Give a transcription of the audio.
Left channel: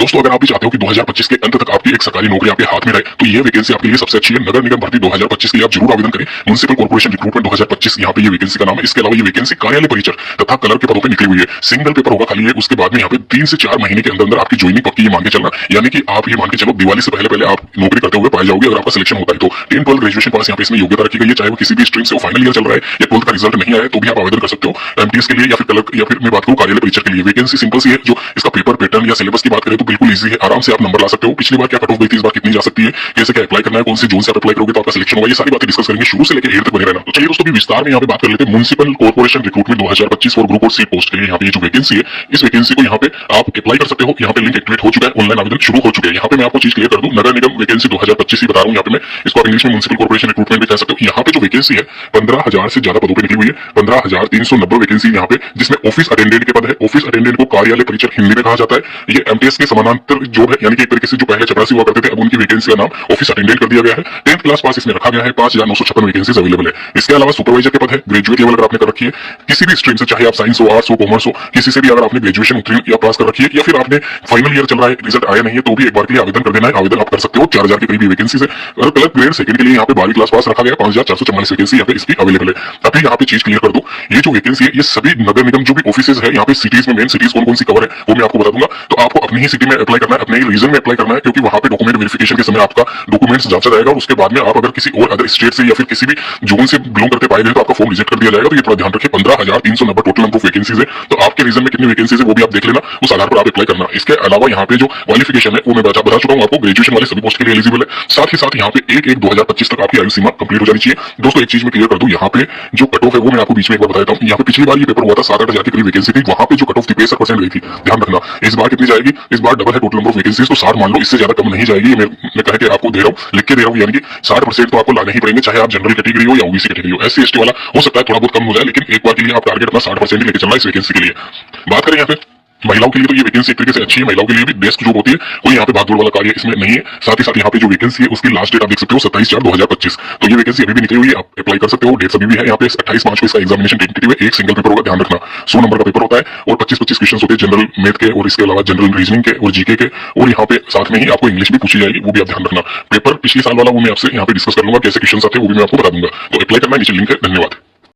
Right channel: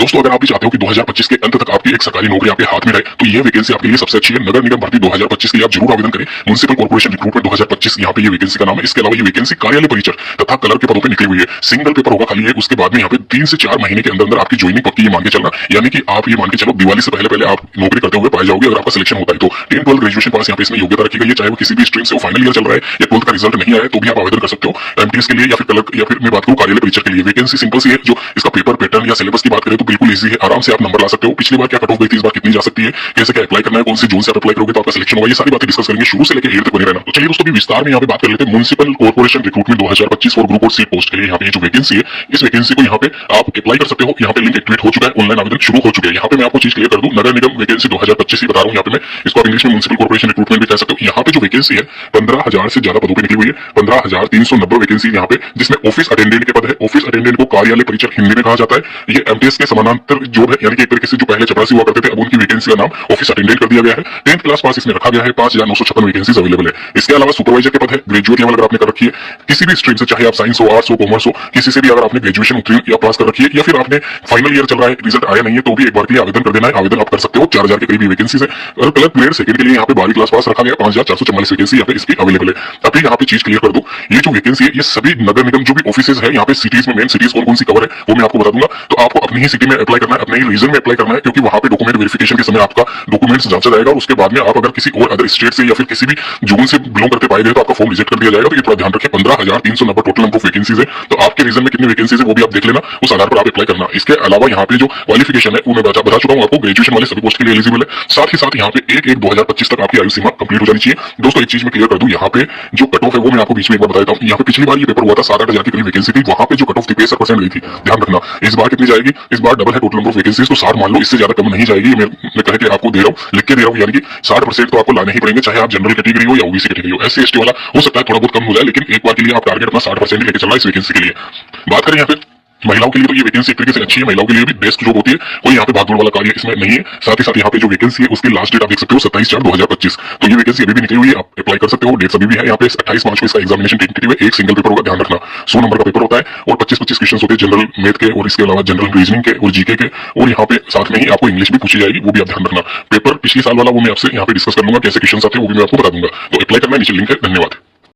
दोस्तों अगर आप भी चाहते हो कि 2025 के अंत तक आपकी एक सरकारी नौकरी आपके हाथ में रहे तो ये वैकेंसी आपके लिए सबसे अच्छी है। नगर निगम भर्ती 2025 के लिए आप जरूर आवेदन करें। म्युनिसिपल कॉर्पोरेशन रिक्रूटमेंट 2025 यहाँ पे ये वैकेंसी का नाम है। इसके अलावा ये वैकेंसी कार्यालय परिचर तथा कलर के पदों पर निकली हुई है। सिंगल पेपर होगा खाली है। उसके बाद में यहाँ पे 3 से 4 महीने के अंदर आपकी ज्वाइनिंग पक्की, ये मान के चलना, यानी कि आप ये मान के चलो दिवाली से पहले आप नौकरी करते हुए पाए जाओगे अगर आपका सिलेक्शन होता है तो। 10 12 ग्रेजुएशन पास यहाँ पे इसमें योग्यता रखी गई है, चाहे वो किसी भी स्ट्रीम से, वो फाइनल ईयर चल रहा है या 12th का रिजल्ट नहीं आया तो भी आप आवेदन कर सकते हो एमटीएस के लिए या फिर कलर या फिर मैं बात करूं कार्यालय परिचर के लिए। वैकेंसी सिंपल सी है। जो इसका पेपर पैटर्न या सिलेबस की बात करें तो बिल्कुल इजी है, आराम से आप नंबर ला सकते हो। पिछली बार क्या कट ऑफ गई थी, इस बार कितनी जा सकती है, कैसे क्या अप्लाई करना है, कौन सी जोन से आप अप्लाई करोगे तो आपका सिलेक्शन होगा, ये सारी बातें डिस्कस करेंगे। शुरू से लेकर एंड तक बने रहना। तो चलिए दोस्तों भी विस्तार में यहाँ पे बात कर लेते हैं municipal corporation recruitment 2025 for group और सीट पोस्ट के लिए। यहाँ पे जो वैकेंसी है इस वैकेंसी को यहाँ पे आप अप्लाई कर सकते हो। यहाँ पे लिंक एक्टिवेट हो चुका है, ऑनलाइन आवेदन शुरू हो चुके हैं। यहाँ पे मैं आपको चीज क्लियर कर दूं, नगर निगम वैकेंसी 2025 ही बता रहा हूँ। यहाँ पे मैं इसको आप इंग्लिश में म्युनिसिपल कॉर्पोरेशन रिक्रूटमेंट भी कह सकते हो। यहाँ पे जो वैकेंसी है 15,000 से ज्यादा पदों पर निकली हुई है। 15,390 वैकेंसी यहाँ पे, जिसमें ऑफिस अटेंडेंट के पद है। ऑफिस अटेंडेंट को कार्यालय परिचर हिंदी में कहा जाता है। ये एमटीएस के समानांतर जॉब है, यानी कि एक तरीके से जो पहले चपरासी हुआ करते थे अब उनकी वैकेंसी का नाम ऑफिस अटेंडेंट कर दिया गया है। 10th क्लास पास इसमें रखा गया है। 5,956 वैकेंसी अवेलेबल है। इसके अलावा सुपरवाइजर के पद है। ग्रेजुएट लेवल अगर आपने कर रखी है किसी भी स्ट्रीम से, चाहे आप साइंस हो, आर्ट्स हो, कॉमर्स हो, किसी से भी अगर आपने ग्रेजुएशन उत्तीर्ण या पास कर रखी है या फिर आपने फाइनल ईयर चल रहा है रिजल्ट आया नहीं है तो भी एक बार के लिए आवेदन कर देना है। आवेदन आप कर सकते हो। 4,000 के करीब वैकेंसी है। और क्लर्क ग्रेड सेकंड के लिए यहाँ पे 12वीं क्लास पास रखा गया। 5,444 वैकेंसी यहाँ पे इसकी अवेलेबल है। अभी यहाँ पे चीज क्लियर कर दूं, ये जो वैकेंसी है ये सभी नगर निगम जो भी ऑफिसेज है यहाँ पे सिटीज में, मेन सिटीज कौन कौन सी कवर है वो मैं आपको बता दूंगा। तो आपको अपनी ही सिटी में अप्लाई करना है, अपने ही रीजन में अप्लाई करना है, क्योंकि वहां पे डॉक्यूमेंट वेरिफिकेशन के समय आपका डॉक्यूमेंट्स जांचा जाएगा और उसके बाद में आप अगर किसी और अदर स्टेट से या फिर किसी भी जोन से बिलोंग करते पाए गए तो आपका फॉर्म रिजेक्ट कर दिया जाएगा। तो ये थोड़ा ध्यान रखिए। 15,390 टोटल नंबर ऑफ वैकेंसीज है। तो आपके रीजन में कितनी वैकेंसीज है वो भी आप देख लेना, उस आधार पर आप अप्लाई करना। इसके अलावा यहाँ पे जो क्वालिफिकेशन है वो मैं बता चुका हूँ आपको। ग्रेजुएशन वाले सभी पोस्ट के लिए एलिजिबल है। साथ ही साथ यहाँ पे 1/1/2025 तक आपकी आयु सीमा कंप्लीट हो जानी चाहिए। दोस्तों एक चीज में क्लियर कर दूं, यहाँ पे जो कट ऑफ है वो मैं आपको बीच में एक बार बता देता हूँ। यहाँ पे पिछली बार ये पेपर हुआ था 7-8 हजार की करीब वैकेंसी थी, वहां पे जो कट ऑफ थी 65% गई थी। ध्यान रखना इस बार कितनी जाएगी, इस बार डबल है टोटल नंबर ऑफ वैकेंसीज, तो 60 मान लो, इससे ज्यादा कम नहीं जाएगी। मैं कह के आपको दे रहा हूँ, लिख के दे रहा हूँ, यानी कि 60% तो आपको लाने ही पड़ेंगे, चाहे आप जनरल कैटेगरी हो या ओबीसी कैटेगरी हो। एससी एसटी वाला हो सकता है थोड़ा बहुत कम हो जाए, लेकिन एक बार के लिए आप टारगेट अपना 60% ही लेके चलना इस वैकेंसी के लिए। बात करें यहाँ पे महिलाओं के लिए तो ये वैकेंसी एक तरीके से अच्छी है। महिलाओं के लिए भी बेस्ट जॉब होती है, कोई यहाँ पे भागदौड़ वाला कार्य इसमें नहीं है। साथ ही साथ यहाँ पे जो वैकेंसी है उसकी लास्ट डेट आप देख सकते हो 27/4/2025। तो ये वैकेंसी अभी भी निकली हुई है, आप अप्लाई कर सकते हो। डेट्स अभी भी है यहाँ पे 28 मार्च को इसका एग्जामिनेशन टेंटेटिव है। एक सिंगल पेपर होगा, ध्यान रखना। 100 नंबर का पेपर होता है और 25-25 क्वेश्चन होते हैं जनरल मैथ के और इसके अलावा जनरल रीजनिंग के और जीके के, और यहाँ पे साथ में ही आपको इंग्लिश भी पूछी जाएगी, वो भी आप ध्यान रखना। पेपर पिछले साल वाला वो मैं आपसे यहाँ पे डिस्कस कर लूंगा, कैसे क्वेश्चन आते हैं वो भी मैं आपको बता दूंगा। तो अप्लाई करना, नीचे लिंक है। धन्यवाद।